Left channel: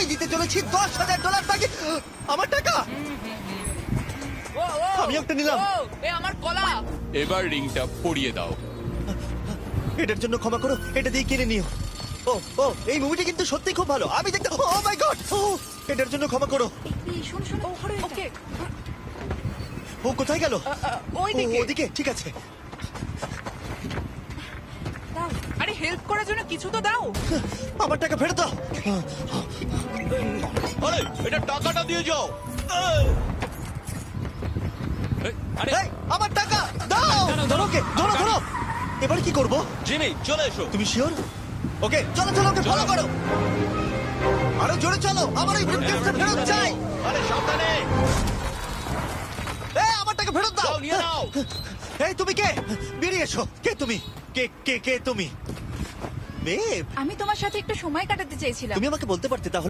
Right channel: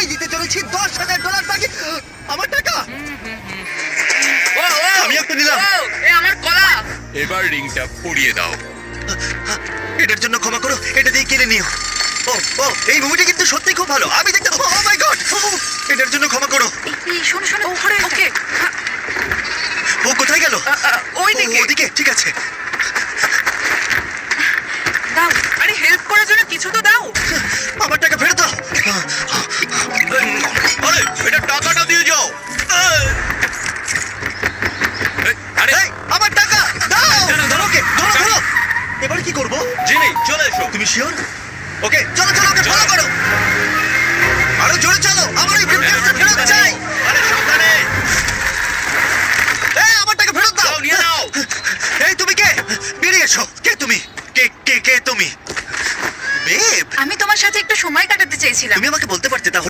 আমি দিতে চলেছি $10,000 বাকি। আমার টাকা আমি একটা নিলাম। আমার কলা। এবার রিংটা পরিয়ে দাও। এটার জন্য ক্ষমা করো, এটা দিয়ে কিনে নিও। ও ও এই মুভিটা কিন্তু সত্যি খুব ভালো। আমি দেখতে ও মাই গড, এটার জন্য ক্ষমা করো। শোনো শোনো, ওকে ও কোথায় গেল? ওই ও, দিকে। ওদিকে, ঠিক আছে। দাও, আরে হেল্প করার জন্য কিছু তো দাও। আমার টাকা ফেরত দাও। আরে এটা টাকাটা দিয়ে যাও। আরে এই, আমার টাকা দাও। ধরো ওকে, ধরো ধরো। এবার কি করব? জিমি চলে এসো। তুমি শিওর? ওকে চলো চলো, ওকে ফলো করো। আরো জোরে চলো, আমার ওই ব্রিফকেসটা ফেরত চাই। আরে সাবধানে। এই আমার টাকা ফেরত দাও। যাও নিয়ে নাও। এই তুমি কে? বেরিয়ে এসো। কে তুমি? কে কে কে তুমি? বেব, আমি তোমার সাথে একটু সময় কাটাতে চেয়েছিলাম। তুমি আমাকে বলতে পারতে তাহলে।